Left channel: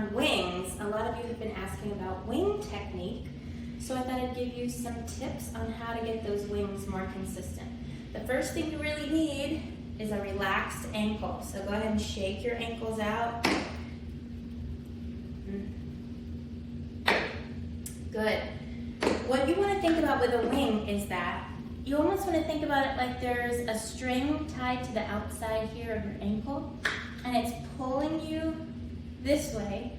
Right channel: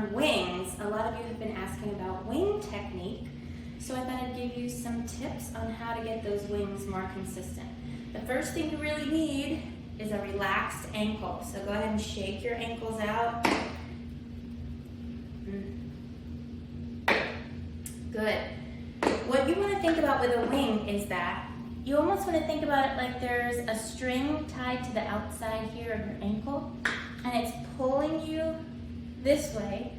on wings. A lot of you have been asking about wing technique, so I thought I'd give you some tips on how to get those wings more consistent. The first thing you really need is a relaxed ankle. So go ahead and shake your ankles out. Good. What you want to think about with a wing is that you almost want to think about it like there's a string tied to the outside here of your ankle, and it's pulling you this way,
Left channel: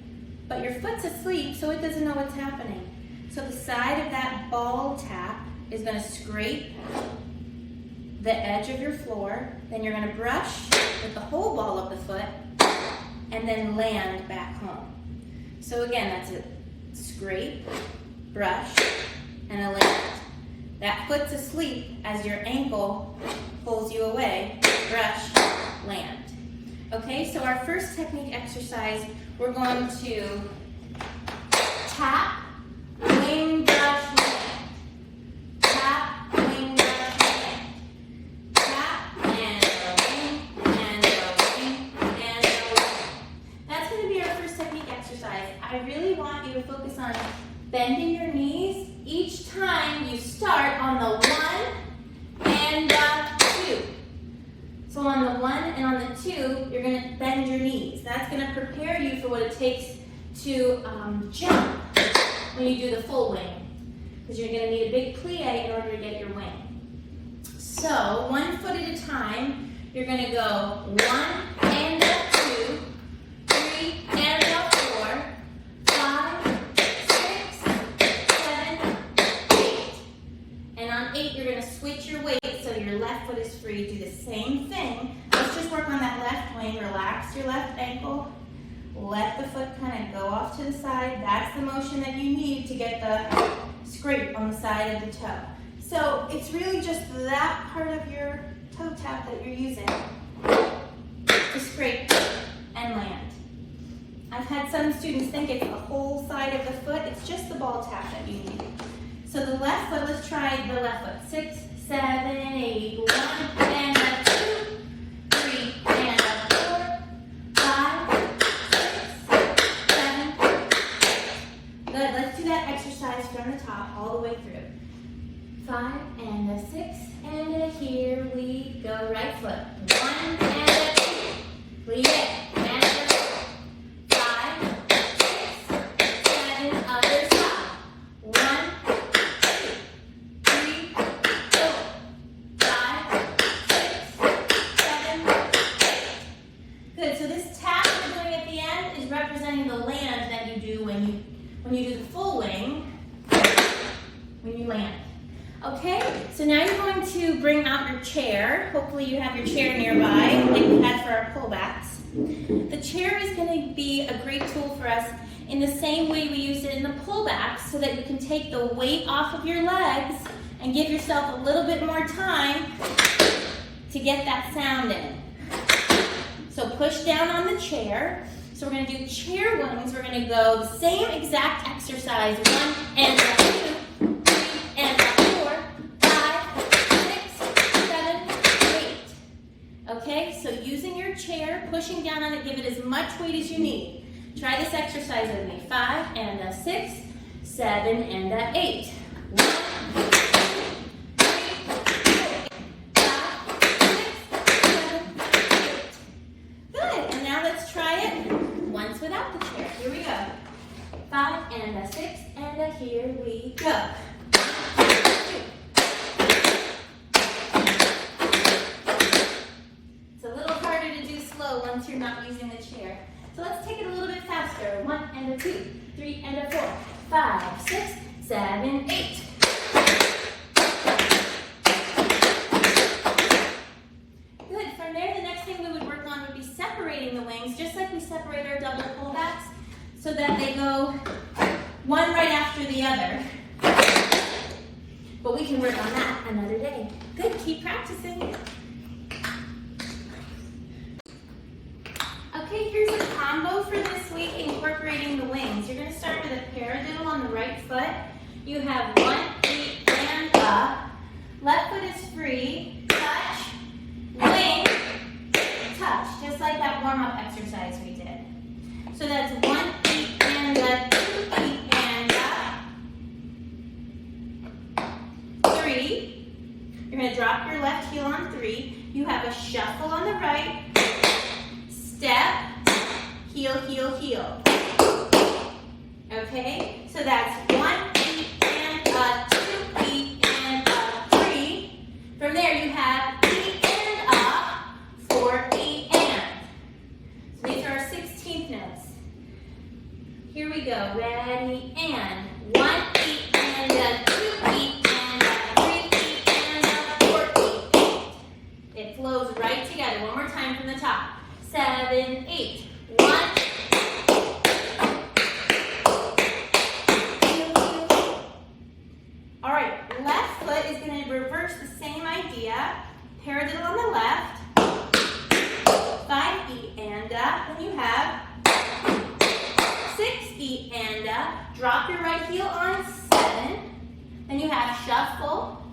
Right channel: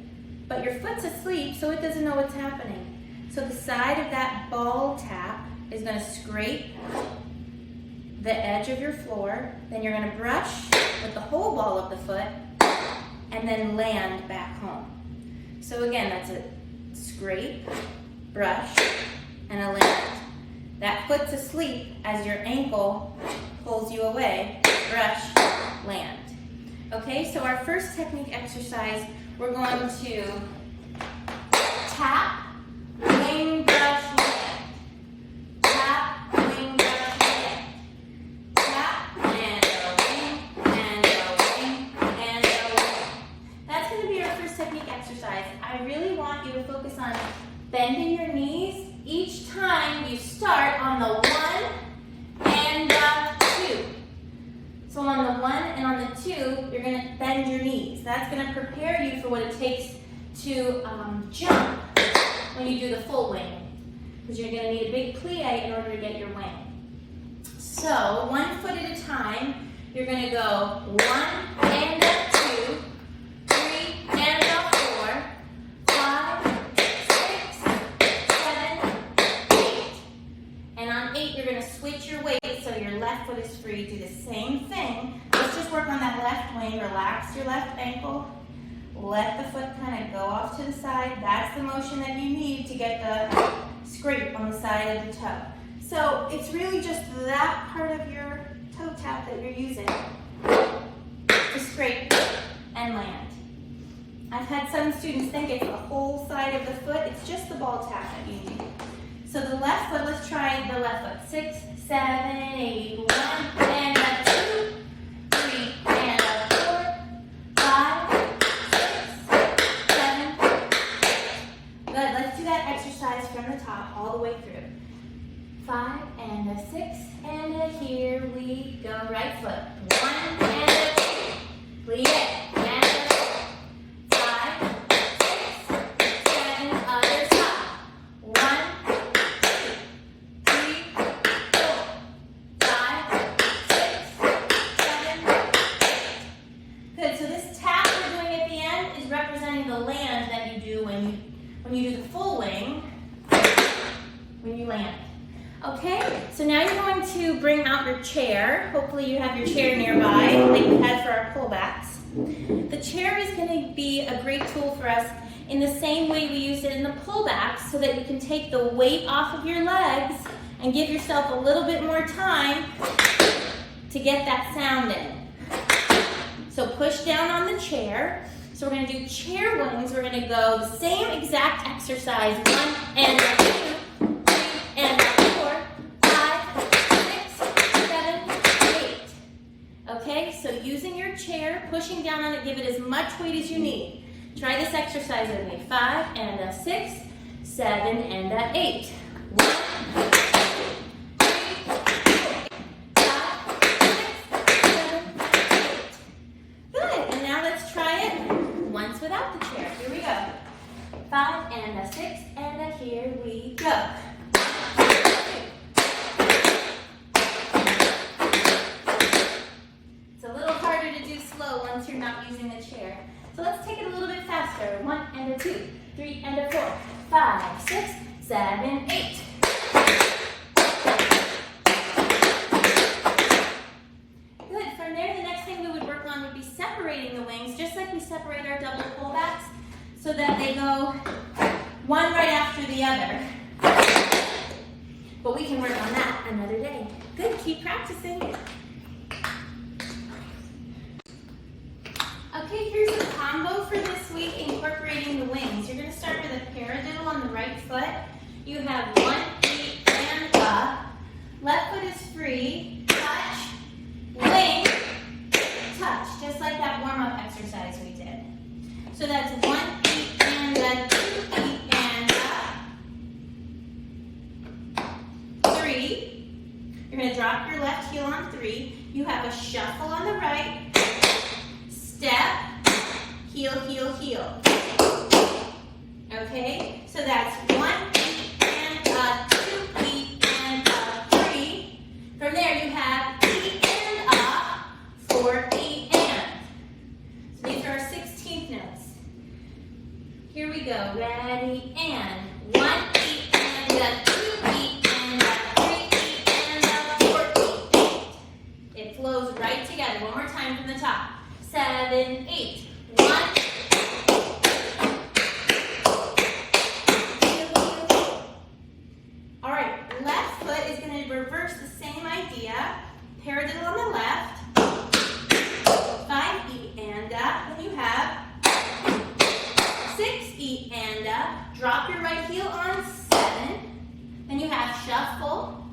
but your foot's asleep, so it doesn't know what's happening. So the side of that ball tap is going to scrape the edge of your floor, then you're going to brush with the whole ball of the foot, and then land back home. So again, that's a scrape, brush, and a land. That foot's asleep as your ankle pulls you away, brush, land. Okay, so our first technique exercise, we're going to tap, wing, brush, land. Tap, wing, brush, land. Tap, and a wing, and a wing, and a wing. That's going to be our first technique exercise. I really want you to focus on bending your knees each time you start on the 1 and the 2. So on the 1 and on the 2, you're going to bend your knees. That's going to prepare you for what it takes to jump when you do the full wing, because you're going to need a big plie in order to get your wing. So 1 foot at a time, you're going to go 1 and a 2, 3 and a 4, 5, 6, 7, 8. And on 8, you're going to switch your weight so your left foot is free. Do the same thing. Let's just work on that left wing. Relax your left ankle. Let the foot kind of go off to the side. That's the motion that you need to get the scrape on the side of the toe. So it's really just that part of your toe tap that you're using to scrape and land. I've had some students think it's the whole side of the foot. It's just the ball tap that you need. So the left foot, let's try the left foot. 6, 7, 8, 1 and a 2, 3 and a 4, 5, 6, 7, 8. Good, let's do that exercise from the top all the way through. 5 and a 6 and a here we go. Right foot. 1 and a 2, plie and a 4, 5, 6, 7, other side. 1, 2, 3, 4, 5, 6, 7, 8. Good. So this tap we're doing at the end is representing the land that you do when you do the full wing, when you land. Okay, so now you're going to bring out your chair. Hopefully you have your chair nearby, like we had for our pullbacks. The chair is going to be a great tool for us in the same way we used it in the pullbacks, so that you can take the weight off of your legs and give yourself a little bit more time to get that sound in. So push down on the chair. So we're going to do chair wings. We're going to go the same exact exercise. 1 and a 2, 3 and a 4, 5, 6, 7, 8. Okay, so using your chair, pushing down on it, give it as much weight as you need. Try this exercise with me. 5 and a 6, 7 and a 8. 1, 2, 3, 4, 5, 6, 7, 8. Good, and now let's try it once without the chair. Here we go. 5 and a 6 and a here we go. 1, 2. It's a little harder to do slow once you're not using the chair. So let's take it a little bit faster. 1 and a 2, 3 and a 4, 5, 6, 7, 8. Good. From there, the next thing we would work on would be separating the wings, just like we separate our double pullbacks, so that they go one right after the other. But we can work on that another day. Good. Keep practicing. Okay, here's a combo for this week incorporating the wings. You're going to start with a paradiddle on the right foot. You have 1, 8, and up. Left foot is free. Touch, wing, touch. Just like that warm-up exercise we did. So that's 1 beat and a 2 beat and a 3. You're going to drop your left heel on 3. You have a shuffle on the right. Step, heel, heel, heel. Okay, so that's 1 beat and a 2 beat and a 3. From there you have E and a 4 E and. So these are our 16th notes. Here we go. Ready and 1 E and a 2 E and a 3 E and a 4 E. It flows right together. One more time from the top. 7, 8. 1. All right, left foot is going to reverse the same idea. Paradiddle on the left. 5 E and a. Then you have 6 E and a. Drop your right heel on 7. Then you have shuffle.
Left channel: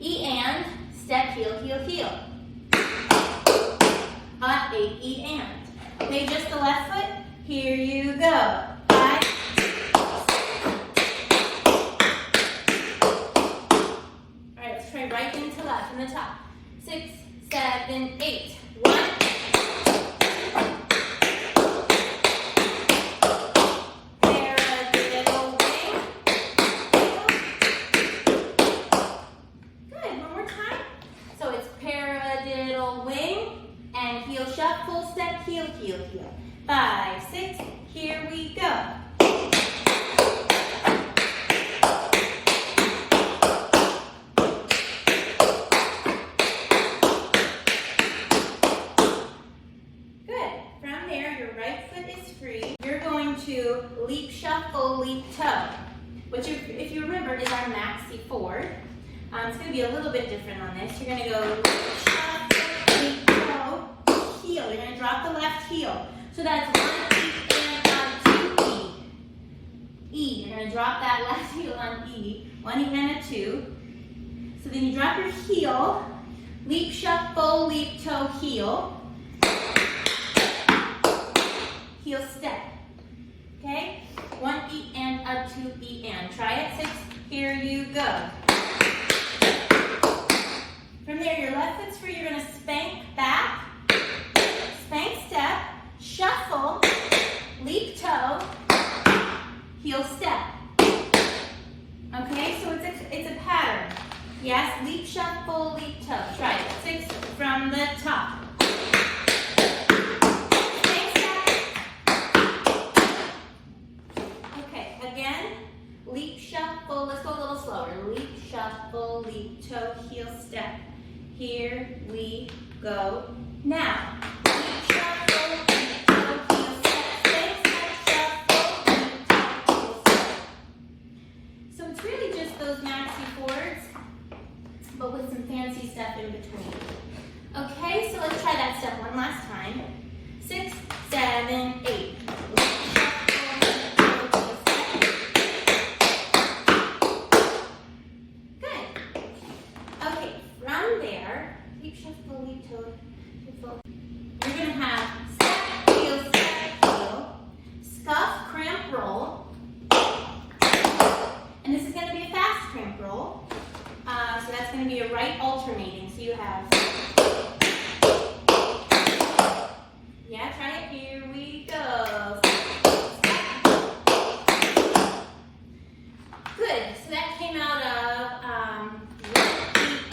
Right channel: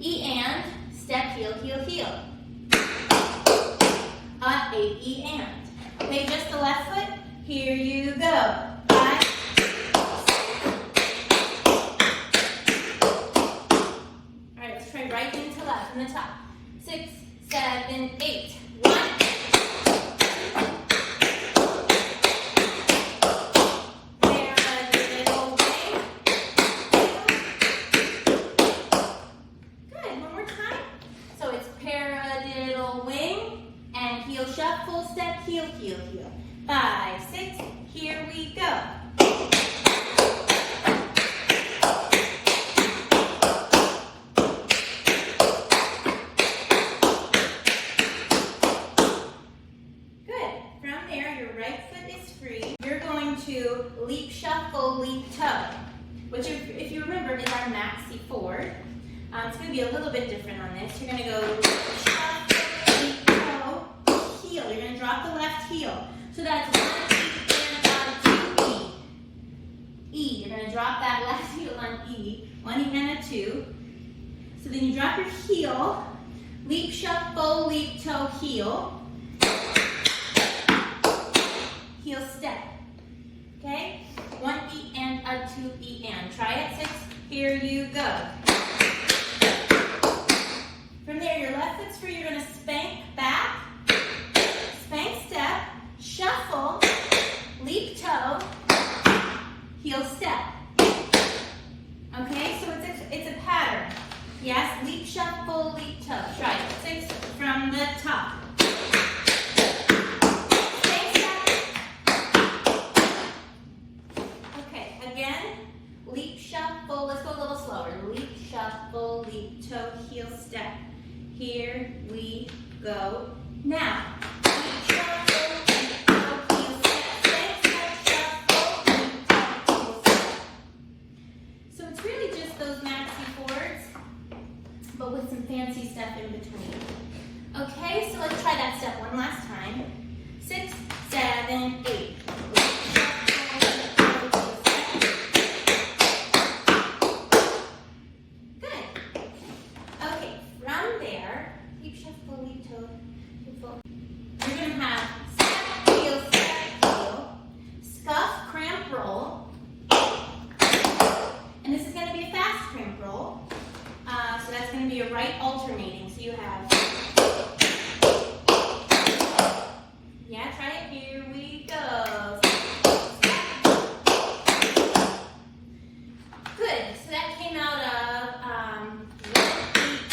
E and. Step, heel, heel, heel. 8 E and. Okay, just the left foot. Here you go. 5. All right, let's try right into left from the top. 6, 7, 8. 1. Paradiddle wing. Good. One more time. So it's paradiddle wing. And heel shuffle, step, heel, heel, heel. 5, 6, here we go. Good. From there, your right foot is free. You're going to leap, shuffle, leap, toe, which if you remember is our maxi forward. It's going to be a little bit different on this. You're going to go shuffle, leap, toe, heel. You're going to drop the left heel. So that's 1 E and a 2 E. E. You're going to drop that left heel on E. 1 E and a 2. So then you drop your heel. Leap, shuffle, leap, toe, heel. Heel step. Okay? 1 E and a 2 E and. Try it. 6. Here you go. From there, your left foot's free. You're going to spank back. Spank step. Shuffle. Leap toe. Heel step. Okay, so it's a pattern. Yes, leap, shuffle, leap toe. Try it. 6 from the top. Okay, again, leap, shuffle. Let's go a little slower. Leap, shuffle, leap toe, heel step. Here we go. Now, leap, shuffle, leap toe, heel step. Shuffle, leap toe, heel step. So it's really just those maxi forwards, but with some fancy stuff in between. Okay, so let's try that step one last time. 6, 7, 8. Good. Okay, from there, leap, shuffle, leap, toe, shuffle. You're going to have step, heel, scuff, cramp, roll. And this is going to be a fast cramp roll. So that's going to be a right alternating. So you have, yeah, try it. Here we go. Good. So that came out of 1 E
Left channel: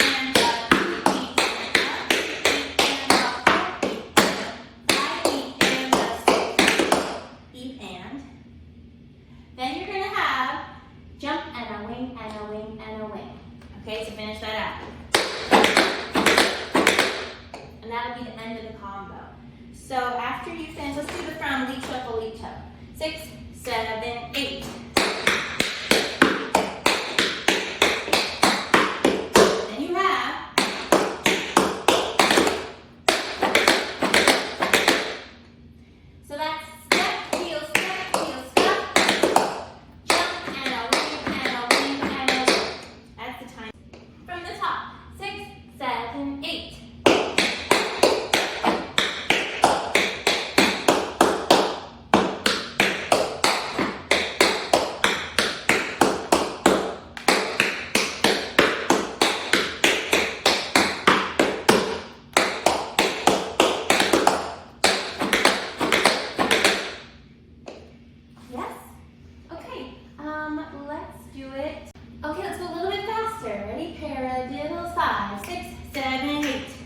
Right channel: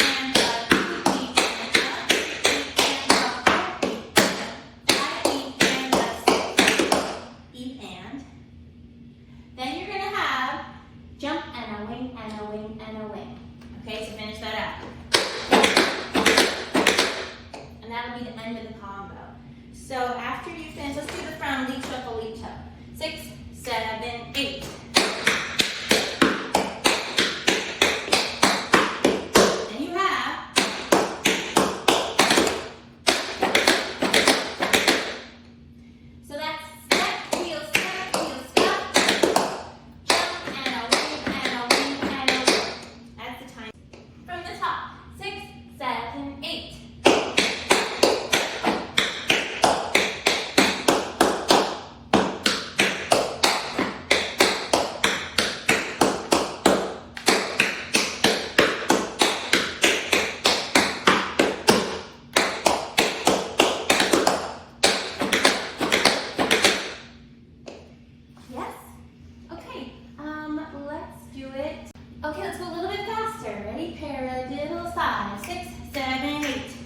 and a 2 E and a 3 E and a 4 E and a 5 E and a 6 E and. Then you're going to have jump and a wing and a wing and a wing. Okay, so finish that out. And that'll be the end of the combo. So after you finish, let's do the from leap, shuffle, leap, toe. 6, 7, 8. Then you have so that's step, heel, scuff, jump, and a wing, and a wing, and a wing. That's the time. From the top, 6, 7, 8. let's do it. Okay, let's go a little bit faster. Ready? Paradiddle, 5, 6, 7, 8.